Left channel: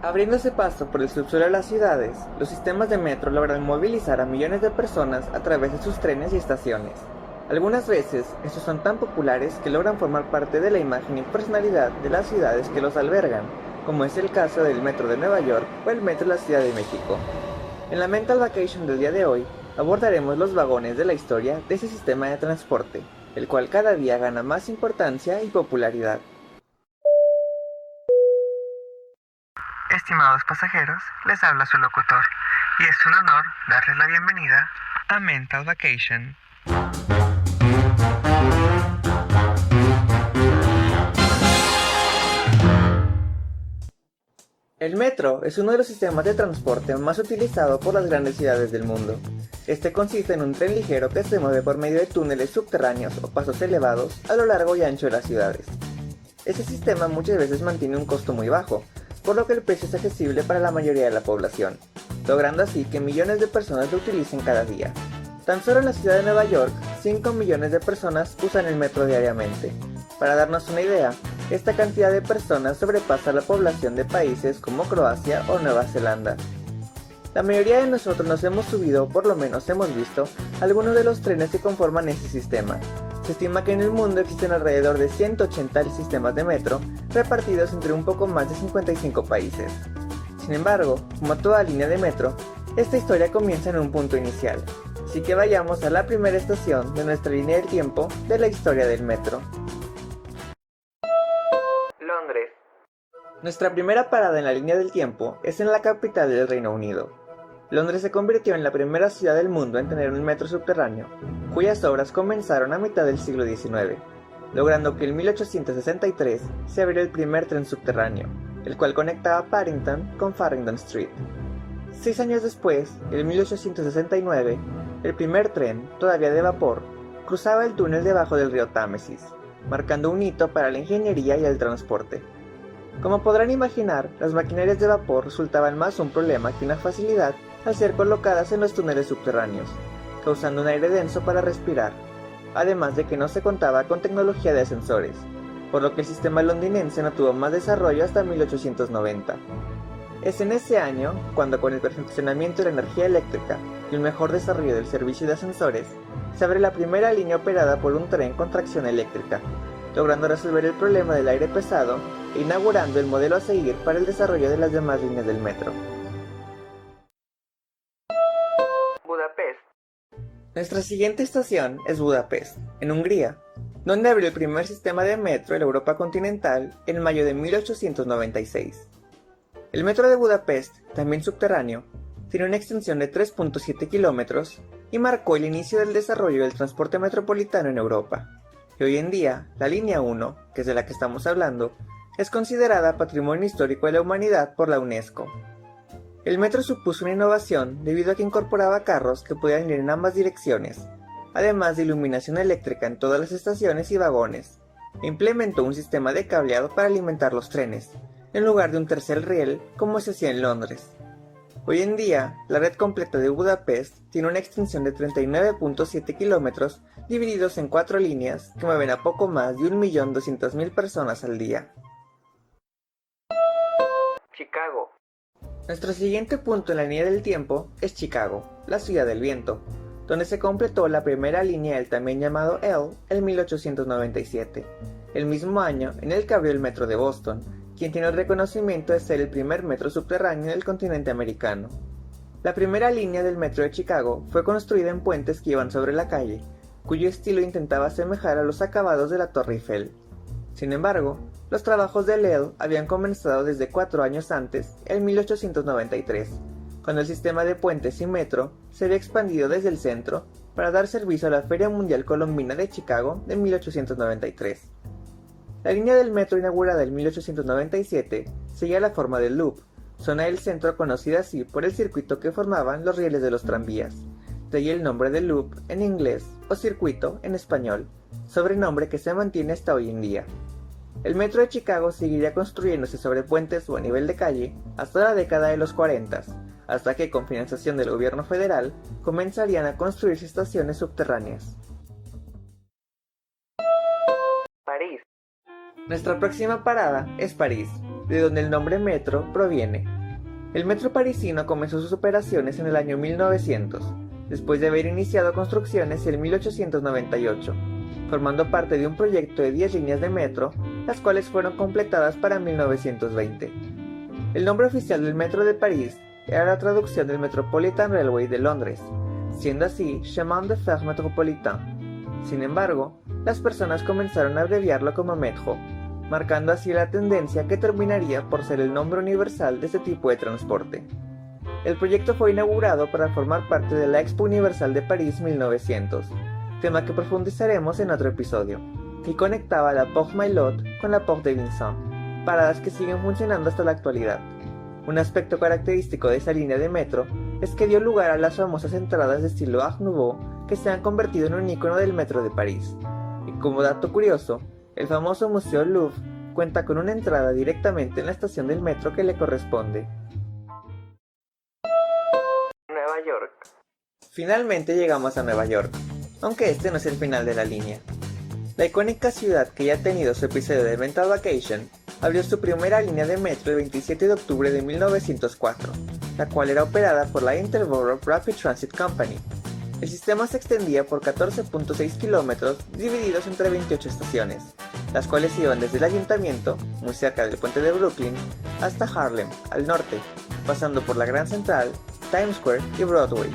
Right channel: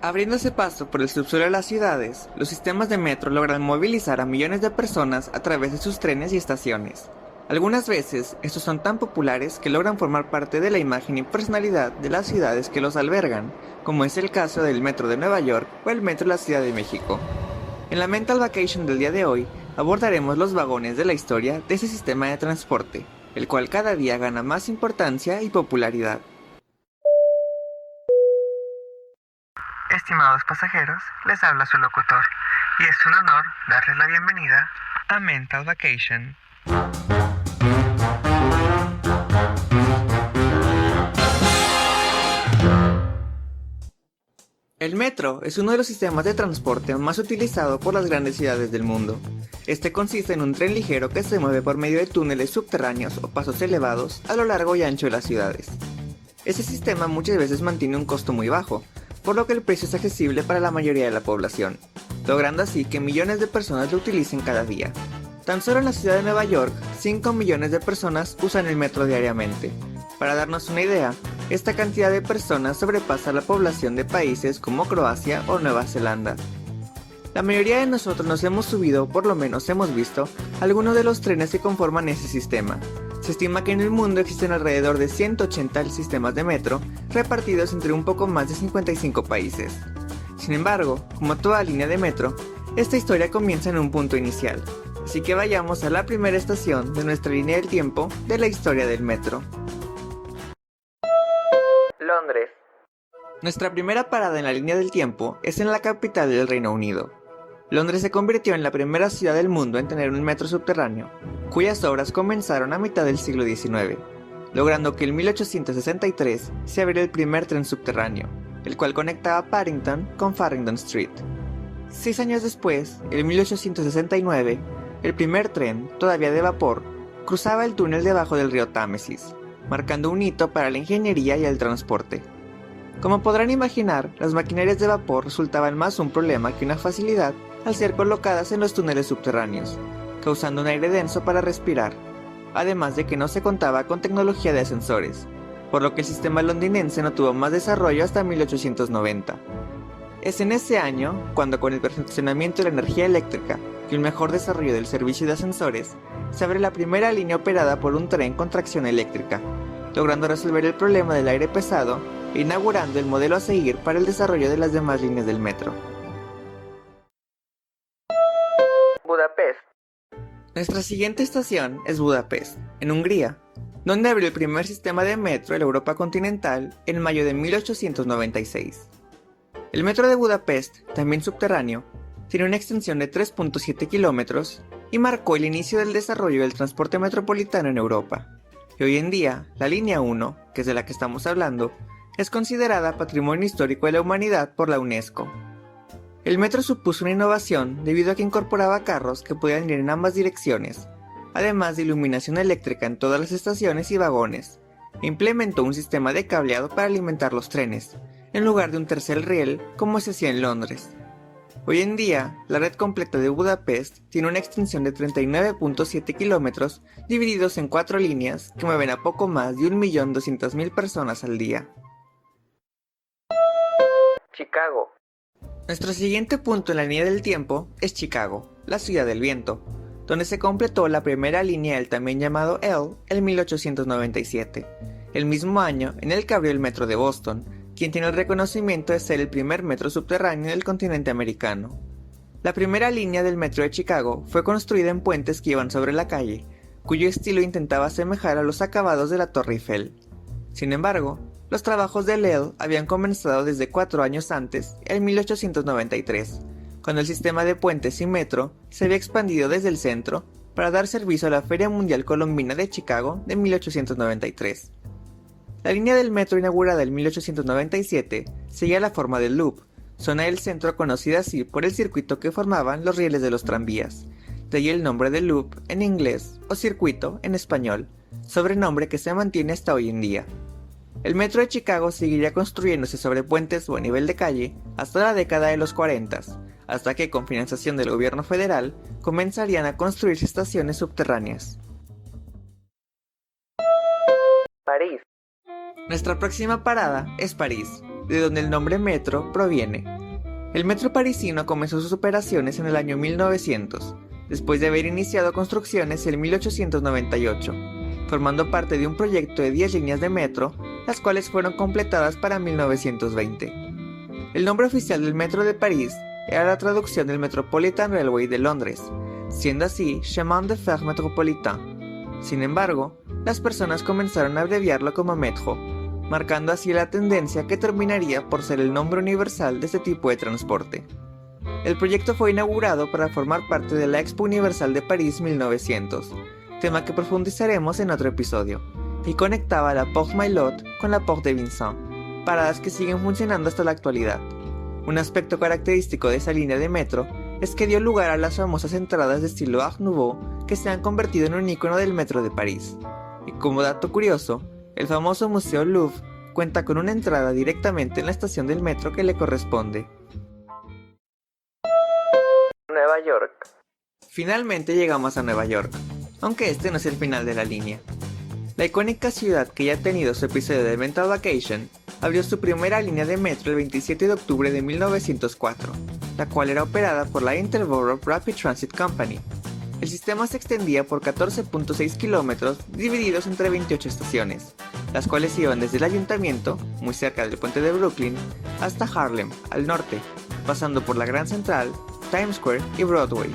Abriéndose paso por el subsuelo de las ciudades, los sistemas de metro logran movilizar a millones de personas a través de sus trenes y estaciones. Algunas veces, estos son tan populares que logran formar parte de la imagen y personalidad de las ciudades que los albergan, como es el caso del Metro de Nueva York o el Metro de la Ciudad de México. En la Mental Vacation del día de hoy, abordaremos los vagones de la historia de ese sistema de transporte, el cual cada día gana más importancia y popularidad. Estimados pasajeros, les habla su locutor, y es un honor darles la bienvenida a Mental Vacation. El metro es uno de los sistemas de transporte más utilizado por las grandes ciudades del mundo. Este consiste en un tren ligero que se mueve por medio de túneles subterráneos o pasos elevados a lo largo y ancho de las ciudades. Este sistema muchas veces mantiene un costo muy bajo, por lo que el precio es accesible para la mayoría de la población, logrando así que millones de personas lo utilicen cada día. Tan solo en la ciudad de Nueva York, 5 millones de personas usan el metro diariamente. Para darnos una idea, esta cantidad de personas sobrepasa la población de países como Croacia o Nueva Zelanda. La mayoría de nosotros nos hemos subido, o por lo menos hemos visto, algunos de los trenes que conforman ese sistema. Se estima que en el mundo existen alrededor de 180 sistemas de metro, repartidos entre un poco más de 55 países. Sin embargo, como toda línea de metro, esta historia comienza en un punto inicial, así que vayamos a la primera estación de nuestra línea del tiempo de la historia del metro. Londres. Nuestra primera parada en la línea del tiempo es en la capital del Reino Unido. Londres se convirtió en la primera ciudad del mundo en tener un metro subterráneo, cuyas obras comenzaron a mitad del siglo XIX, logrando que en 1863 se abriera el primer tren subterráneo, el cual conectaba Paddington con Farringdon Street. 6 años después, en 1869, el primer tren, todavía de vapor, cruzaba el túnel debajo del río Támesis, marcando un hito para la ingeniería y el transporte. Como podrán imaginar, las maquinarias de vapor resultaban más un problema que una facilidad al ser colocadas en los túneles subterráneos, causando un aire denso para respirar, además de que no se contaba con tecnología de ascensores, por lo que el sistema londinense no tuvo más desarrollo hasta 1890. Es en ese año, cuando con el perfeccionamiento de la energía eléctrica y un mejor desarrollo del servicio de ascensores, se abre la primera línea operada por un tren con tracción eléctrica, logrando resolver el problema del aire pesado e inaugurando el modelo a seguir para el desarrollo de las demás líneas del metro. Budapest. Nuestra siguiente estación es Budapest, en Hungría, donde abrió el primer sistema de metro en la Europa continental en mayo de 1896. El metro de Budapest, también subterráneo, tiene una extensión de 3.7 kilómetros y marcó el inicio del desarrollo del transporte metropolitano en Europa. Y hoy en día, la línea 1, que es de la que estamos hablando, es considerada Patrimonio Histórico de la Humanidad por la UNESCO. El metro supuso una innovación debido a que incorporaba carros que podían ir en ambas direcciones, además de iluminación eléctrica en todas las estaciones y vagones, e implementó un sistema de cableado para alimentar los trenes, en lugar de un tercer riel como se hacía en Londres. Hoy en día, la red completa de Budapest tiene una extensión de 39.7 kilómetros divididos en 4 líneas que mueven a poco más de 1.200.000 personas al día. Chicago. Nuestro siguiente punto en la línea del tiempo es Chicago, la ciudad del viento, donde se completó la primera línea del también llamado L en 1897, el mismo año en el que abrió el metro de Boston, quien tiene el reconocimiento de ser el primer metro subterráneo del continente americano. La primera línea del metro de Chicago fue construida en puentes que iban sobre la calle, cuyo estilo intentaba asemejar a los acabados de la Torre Eiffel. Sin embargo, los trabajos de L habían comenzado desde 4 años antes, en 1893, cuando el sistema de puentes y metro se había expandido desde el centro para dar servicio a la Feria Mundial Colombina de Chicago de 1893. La línea del metro inaugurada en 1897 seguía la forma del Loop, zona del centro conocida así por el circuito que formaban los rieles de los tranvías, de ahí el nombre de Loop en inglés o circuito en español, sobrenombre que se mantiene hasta hoy en día. El metro de Chicago seguiría construyéndose sobre puentes o a nivel de calle hasta la década de los 40, hasta que con financiación del gobierno federal comenzarían a construirse estaciones subterráneas. París. Nuestra próxima parada es París, de donde el nombre metro proviene. El metro parisino comenzó sus operaciones en el año 1900, después de haber iniciado construcciones en 1898, formando parte de un proyecto de 10 líneas de metro, las cuales fueron completadas para 1920. El nombre oficial del metro de París era la traducción del Metropolitan Railway de Londres, siendo así Chemin de Fer Métropolitain. Sin embargo, las personas comenzaron a abreviarlo como Metro, marcando así la tendencia que terminaría por ser el nombre universal de este tipo de transporte. El proyecto fue inaugurado para formar parte de la Expo Universal de París 1900, tema que profundizaremos en otro episodio, y conectaba la Porte Maillot con la Porte de Vincennes, paradas que siguen funcionando hasta la actualidad. Un aspecto característico de esa línea de metro es que dio lugar a las famosas entradas de estilo Art Nouveau que se han convertido en un icono del metro de París. Y como dato curioso, el famoso Museo Louvre cuenta con una entrada directamente en la estación del metro que le corresponde. Nueva York. Finalmente llegamos a Nueva York, aunque este no es el final de la línea. La icónica ciudad que ya ha tenido su episodio de Mental Vacation abrió su primera línea de metro el 27 de octubre de 1904, la cual era operada por la Interborough Rapid Transit Company. El sistema se extendía por 14.6 kilómetros divididos entre 28 estaciones, las cuales iban desde el ayuntamiento, muy cerca del puente de Brooklyn, hasta Harlem, al norte, pasando por la Grand Central, Times Square y Broadway.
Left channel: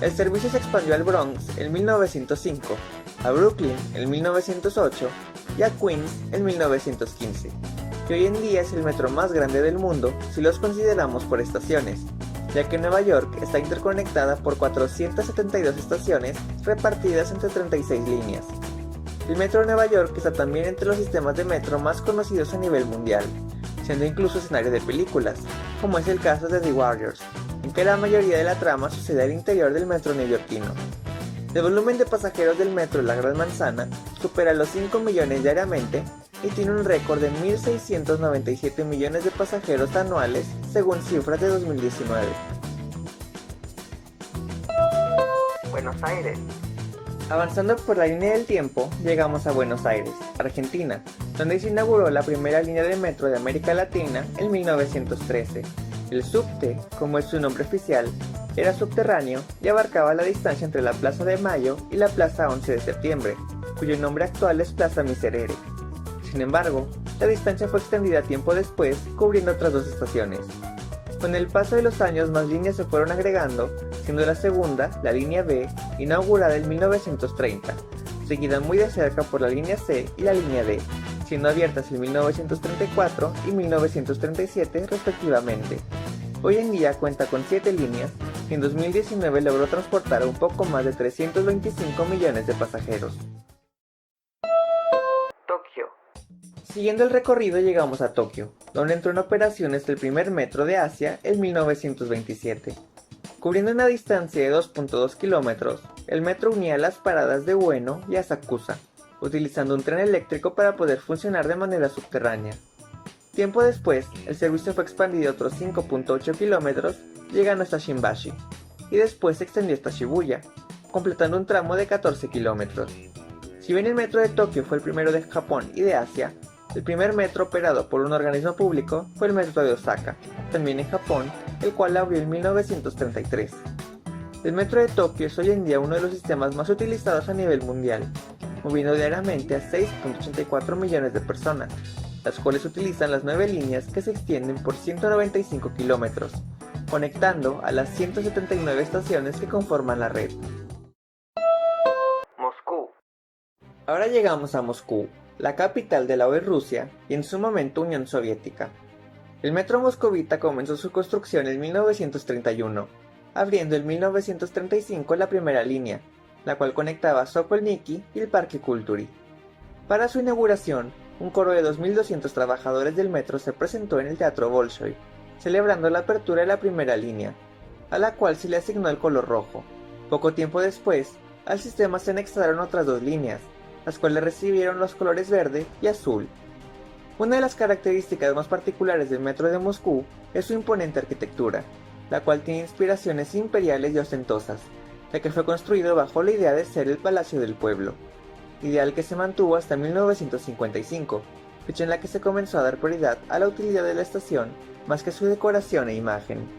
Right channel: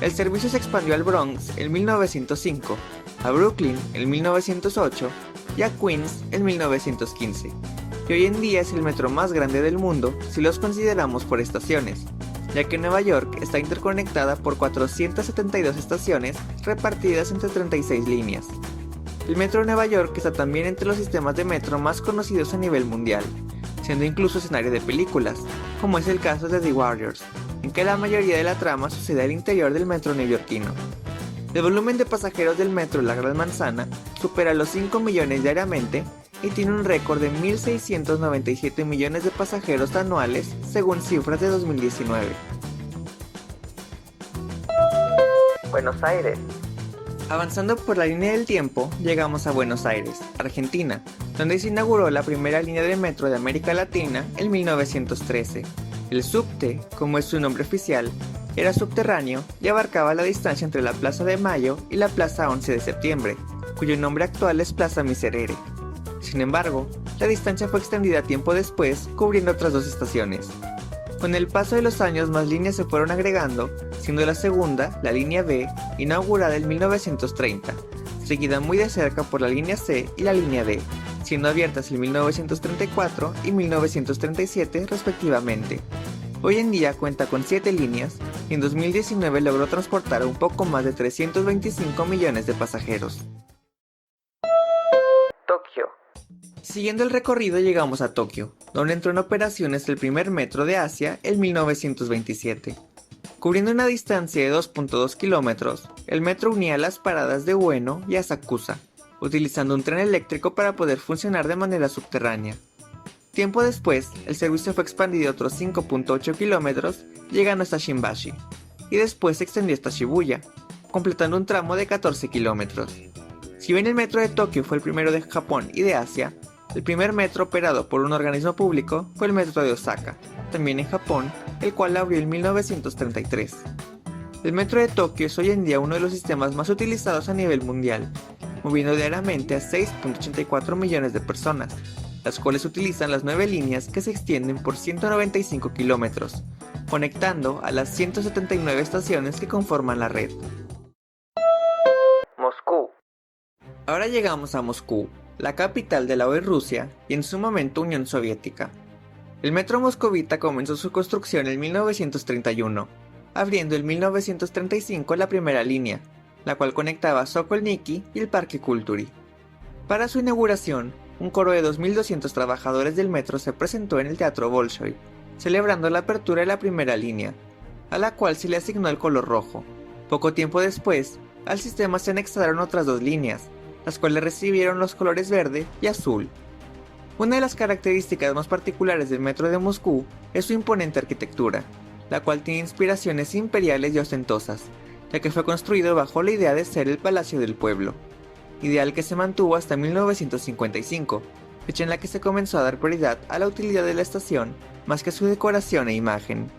El servicio se expandió al Bronx en 1905, a Brooklyn en 1908 y a Queens en 1915, y hoy en día es el metro más grande del mundo si los consideramos por estaciones, ya que Nueva York está interconectada por 472 estaciones repartidas entre 36 líneas. El metro de Nueva York está también entre los sistemas de metro más conocidos a nivel mundial, siendo incluso escenario de películas, como es el caso de The Warriors, en que la mayoría de la trama sucede al interior del metro neoyorquino. El volumen de pasajeros del metro en la Gran Manzana supera los 5 millones diariamente y tiene un récord de 1.697 millones de pasajeros anuales según cifras de 2019. Buenos Aires. Avanzando por la línea del tiempo, llegamos a Buenos Aires, Argentina, donde se inauguró la primera línea de metro de América Latina en 1913. El subte, como es su nombre oficial, era subterráneo y abarcaba la distancia entre la Plaza de Mayo y la Plaza 11 de Septiembre, cuyo nombre actual es Plaza Miserere. Sin embargo, la distancia fue extendida tiempo después, cubriendo otras dos estaciones. Con el paso de los años, más líneas se fueron agregando, siendo la segunda, la línea B, inaugurada en 1930, seguida muy de cerca por la línea C y la línea D, siendo abiertas en 1934 y 1937 respectivamente. Hoy en día cuenta con 7 líneas y en 2019 logró transportar a un poco más de 325 millones de pasajeros. Tokio. Siguiendo el recorrido llegamos a Tokio, donde entró en operaciones el primer metro de Asia en 1927. Cubriendo una distancia de 2.2 kilómetros, el metro unía las paradas de Ueno y Asakusa, utilizando un tren eléctrico para poder funcionar de manera subterránea. Tiempo después, el servicio fue expandido a otros 5.8 kilómetros, llegando hasta Shimbashi, y después se extendió hasta Shibuya, completando un tramo de 14 kilómetros. Si bien el metro de Tokio fue el primero de Japón y de Asia, el primer metro operado por un organismo público fue el metro de Osaka, también en Japón, el cual abrió en 1933. El metro de Tokio es hoy en día uno de los sistemas más utilizados a nivel mundial, moviendo diariamente a 6.84 millones de personas, las cuales utilizan las 9 líneas que se extienden por 195 kilómetros, conectando a las 179 estaciones que conforman la red. Moscú. Ahora llegamos a Moscú, la capital de la hoy Rusia y en su momento Unión Soviética. El metro moscovita comenzó su construcción en 1931, abriendo en 1935 la primera línea, la cual conectaba Sokolniki y el Parque Kulturi. Para su inauguración, un coro de 2.200 trabajadores del metro se presentó en el Teatro Bolshoi, celebrando la apertura de la primera línea, a la cual se le asignó el color rojo. Poco tiempo después, al sistema se anexaron otras 2 líneas, las cuales recibieron los colores verde y azul. Una de las características más particulares del metro de Moscú es su imponente arquitectura, la cual tiene inspiraciones imperiales y ostentosas, ya que fue construido bajo la idea de ser el Palacio del Pueblo, ideal que se mantuvo hasta 1955, fecha en la que se comenzó a dar prioridad a la utilidad de la estación más que a su decoración e imagen.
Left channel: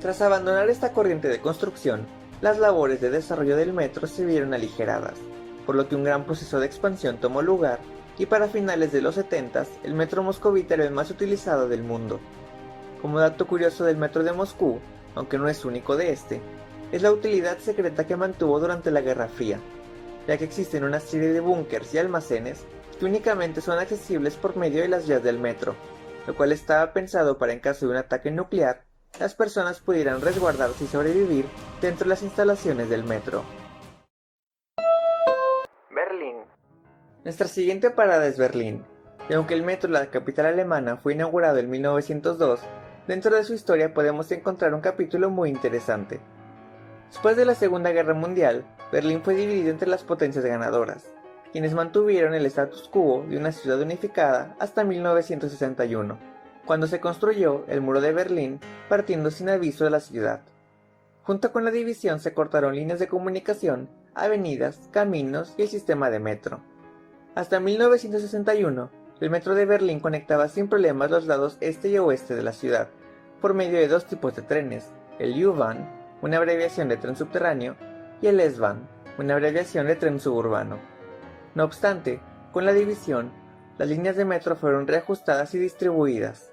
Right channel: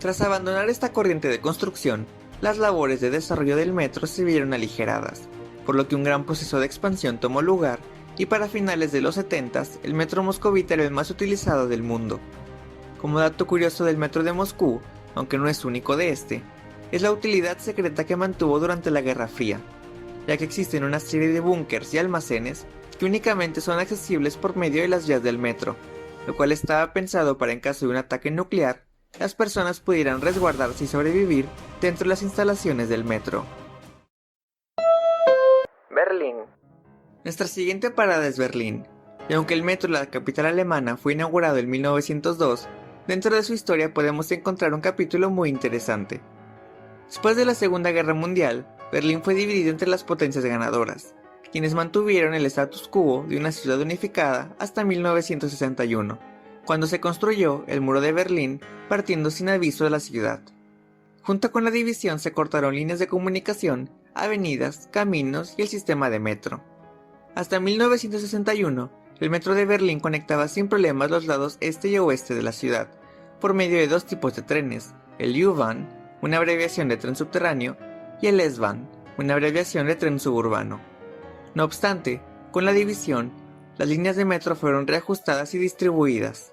Tras abandonar esta corriente de construcción, las labores de desarrollo del metro se vieron aligeradas, por lo que un gran proceso de expansión tomó lugar y para finales de los 70s el metro moscovita era el más utilizado del mundo. Como dato curioso del metro de Moscú, aunque no es único de este, es la utilidad secreta que mantuvo durante la Guerra Fría, ya que existen una serie de búnkers y almacenes que únicamente son accesibles por medio de las vías del metro, lo cual estaba pensado para en caso de un ataque nuclear, las personas pudieran resguardarse y sobrevivir dentro de las instalaciones del metro. Berlín. Nuestra siguiente parada es Berlín, y aunque el metro de la capital alemana fue inaugurado en 1902, dentro de su historia podemos encontrar un capítulo muy interesante. Después de la Segunda Guerra Mundial, Berlín fue dividido entre las potencias ganadoras, quienes mantuvieron el status quo de una ciudad unificada hasta 1961, cuando se construyó el Muro de Berlín partiendo sin aviso de la ciudad. Junto con la división se cortaron líneas de comunicación, avenidas, caminos y el sistema de metro. Hasta 1961, el metro de Berlín conectaba sin problemas los lados este y oeste de la ciudad, por medio de dos tipos de trenes, el U-Bahn, una abreviación de tren subterráneo, y el S-Bahn, una abreviación de tren suburbano. No obstante, con la división, las líneas de metro fueron reajustadas y distribuidas.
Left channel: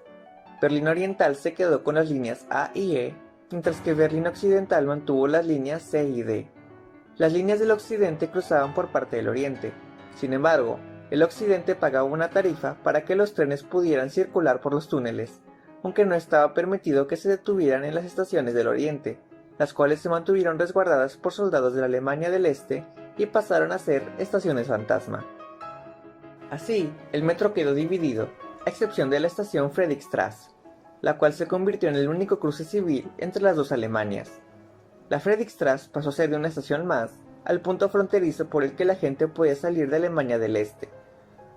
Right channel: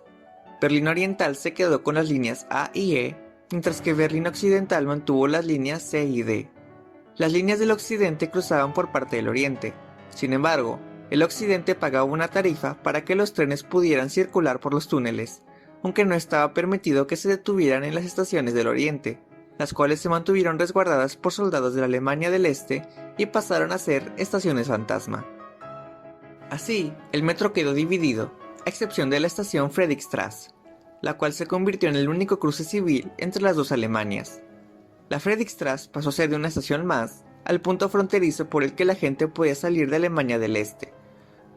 Berlín Oriental se quedó con las líneas A y E, mientras que Berlín Occidental mantuvo las líneas C y D. Las líneas del occidente cruzaban por parte del oriente. Sin embargo, el occidente pagaba una tarifa para que los trenes pudieran circular por los túneles, aunque no estaba permitido que se detuvieran en las estaciones del oriente, las cuales se mantuvieron resguardadas por soldados de la Alemania del Este y pasaron a ser estaciones fantasma. Así, el metro quedó dividido, a excepción de la estación Friedrichstraße, la cual se convirtió en el único cruce civil entre las dos Alemanias. La Friedrichstraße pasó a ser de una estación más al punto fronterizo por el que la gente podía salir de Alemania del Este,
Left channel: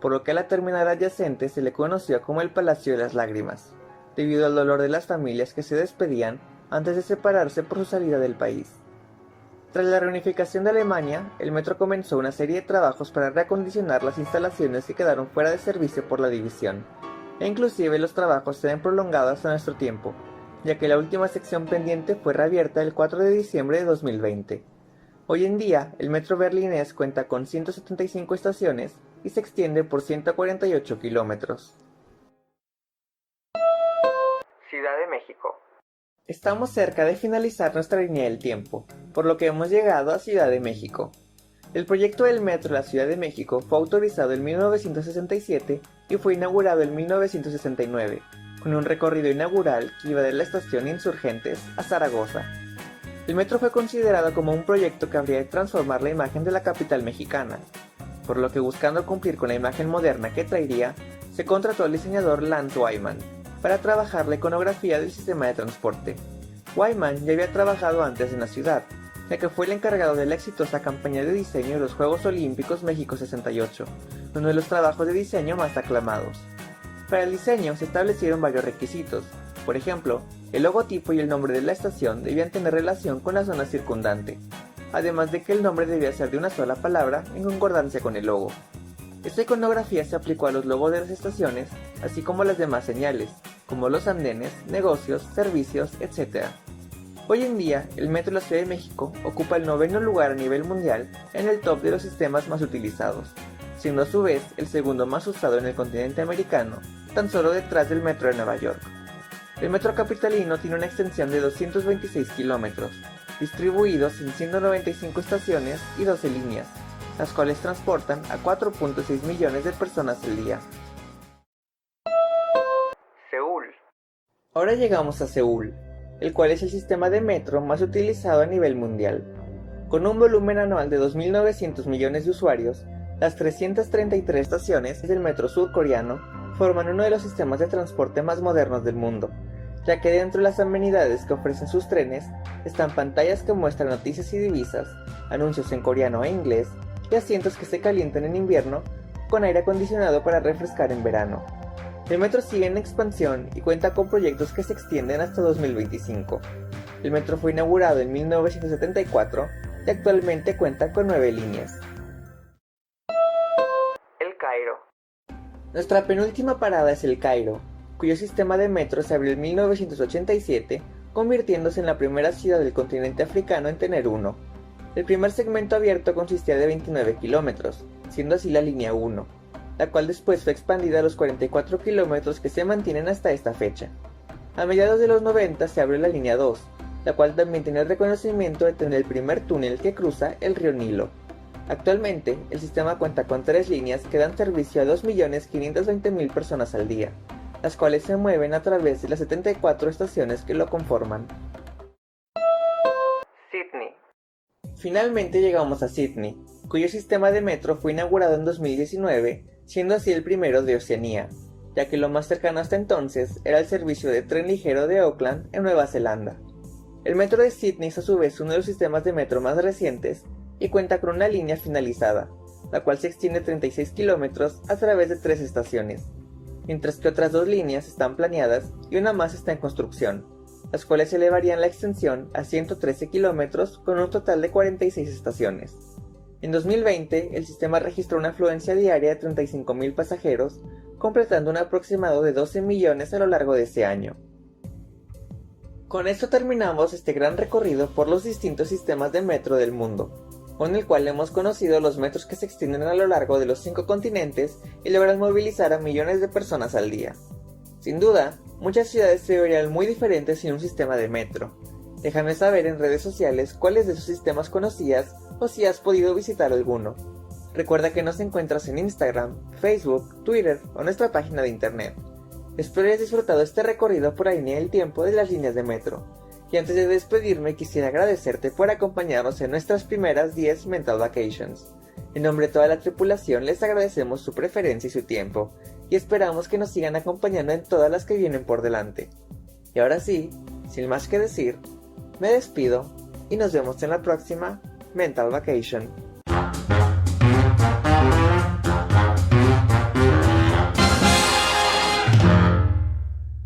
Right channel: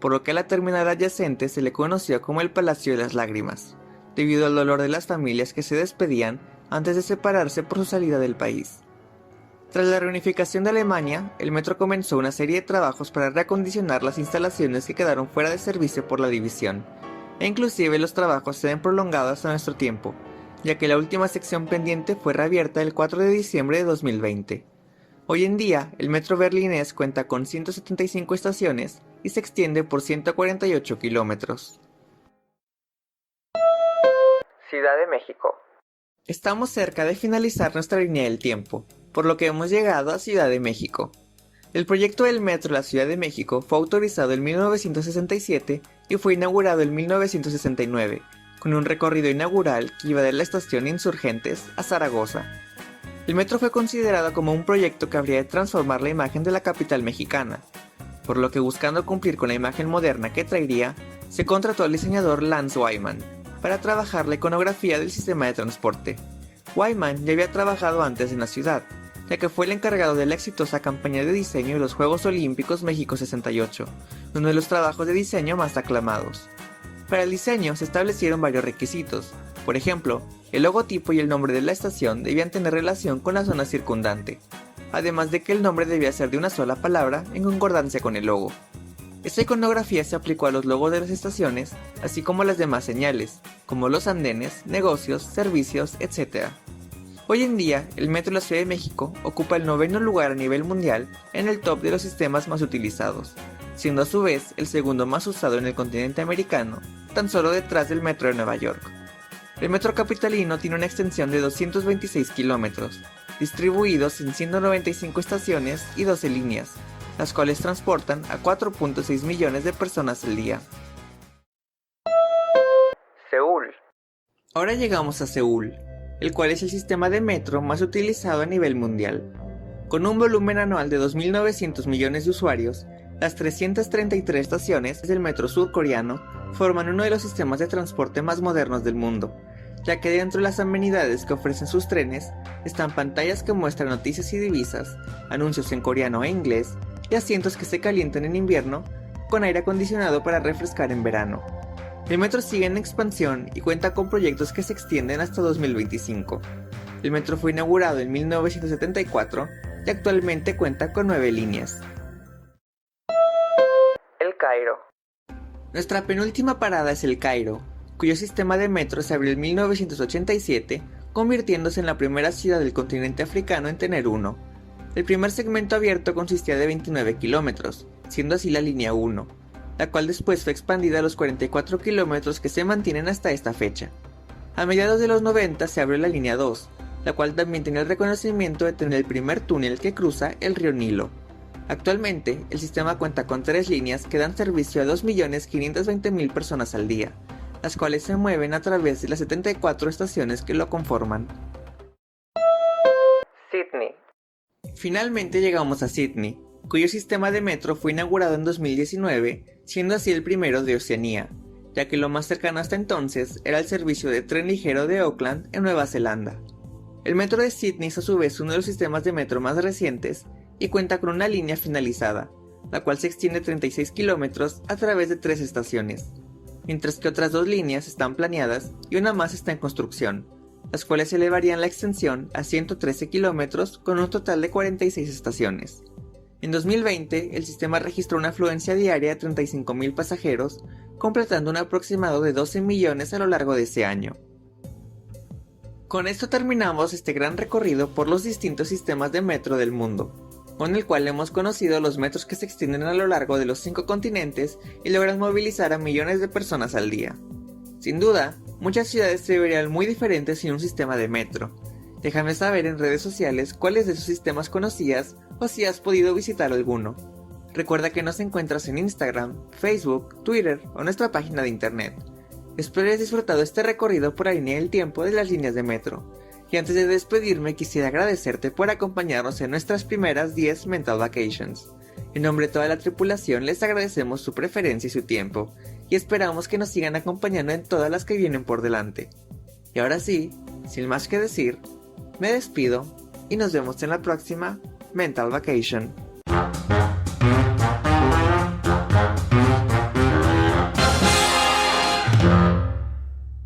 por lo que a la terminal adyacente se le conoció como el Palacio de las Lágrimas, debido al dolor de las familias que se despedían antes de separarse por su salida del país. Tras la reunificación de Alemania, el metro comenzó una serie de trabajos para reacondicionar las instalaciones que quedaron fuera de servicio por la división, e inclusive los trabajos se han prolongado hasta nuestro tiempo, ya que la última sección pendiente fue reabierta el 4 de diciembre de 2020. Hoy en día, el metro berlinés cuenta con 175 estaciones y se extiende por 148 kilómetros. Ciudad de México. Estamos cerca de finalizar nuestra línea del tiempo, por lo que hemos llegado a Ciudad de México. El proyecto del metro de la Ciudad de México fue autorizado en 1967 y fue inaugurado en 1969, con un recorrido inaugural que iba de la estación Insurgentes a Zaragoza. El metro fue considerado como un proyecto que habría de transformar la imagen de la capital mexicana, por lo que buscando cumplir con la imagen moderna que traería, se contrató al diseñador Lance Wyman para trabajar la iconografía del sistema de transporte. Wyman ya había trabajado antes en la ciudad, ya que fue el encargado de la exitosa campaña de diseño de los Juegos Olímpicos México 68, uno de los trabajos de diseño más aclamados. Para el diseño se establecieron varios requisitos. Por ejemplo, el logotipo y el nombre de la estación debían tener relación con la zona circundante, además de que el nombre debía ser de una sola palabra en concordancia con el logo. Esta iconografía se aplicó a los logos de las estaciones, así como a las demás señales, como los andenes, negocios, servicios, etc. Hoy en día, el metro de la Ciudad de México ocupa el 9º lugar a nivel mundial en el top de los sistemas más utilizados, siendo a su vez el segundo más usado en el continente americano, tan solo detrás del metro de Nueva York. El metro capitalino tiene una extensión de 226 kilómetros, distribuidos en 195 estaciones y 12 líneas, las cuales transportan a 4.6 millones de personas al día. Seúl. Ahora llegamos a Seúl, el cual es el sistema de metro más utilizado a nivel mundial. Con un volumen anual de 2.900 millones de usuarios, las 333 estaciones del metro surcoreano forman uno de los sistemas de transporte más modernos del mundo, ya que dentro de las amenidades que ofrecen sus trenes están pantallas que muestran noticias y divisas, anuncios en coreano e inglés, y asientos que se calientan en invierno con aire acondicionado para refrescar en verano. El metro sigue en expansión y cuenta con proyectos que se extienden hasta 2025. El metro fue inaugurado en 1974 y actualmente cuenta con 9 líneas. El Cairo. Nuestra penúltima parada es El Cairo, cuyo sistema de metro se abrió en 1987, convirtiéndose en la primera ciudad del continente africano en tener uno. El primer segmento abierto consistía de 29 kilómetros, siendo así la línea 1, la cual después fue expandida a los 44 kilómetros que se mantienen hasta esta fecha. A mediados de los 90 se abrió la línea 2, la cual también tiene el reconocimiento de tener el primer túnel que cruza el río Nilo. Actualmente, el sistema cuenta con 3 líneas que dan servicio a 2.520.000 personas al día, las cuales se mueven a través de las 74 estaciones que lo conforman. Sydney. Finalmente llegamos a Sydney, cuyo sistema de metro fue inaugurado en 2019, siendo así el primero de Oceanía, ya que lo más cercano hasta entonces era el servicio de tren ligero de Auckland en Nueva Zelanda. El metro de Sydney es a su vez uno de los sistemas de metro más recientes y cuenta con una línea finalizada, la cual se extiende 36 kilómetros a través de 3 estaciones, mientras que otras 2 líneas están planeadas y una más está en construcción, las cuales elevarían la extensión a 113 kilómetros con un total de 46 estaciones. En 2020, el sistema registró una afluencia diaria de 35.000 pasajeros, completando un aproximado de 12 millones a lo largo de ese año. Con esto terminamos este gran recorrido por los distintos sistemas de metro del mundo, con el cual hemos conocido los metros que se extienden a lo largo de los 5 continentes y logran movilizar a millones de personas al día. Sin duda, muchas ciudades se verían muy diferentes sin un sistema de metro. Déjame saber en redes sociales cuáles de esos sistemas conocías o si has podido visitar alguno. Recuerda que nos encuentras en Instagram, Facebook, Twitter o nuestra página de internet. Espero hayas disfrutado este recorrido por la línea del tiempo de las líneas de metro. Y antes de despedirme quisiera agradecerte por acompañarnos en nuestras primeras 10 Mental Vacations. En nombre de toda la tripulación les agradecemos su preferencia y su tiempo, y esperamos que nos sigan acompañando en todas las que vienen por delante. Y ahora sí, sin más que decir, me despido y nos vemos en la próxima Mental Vacation.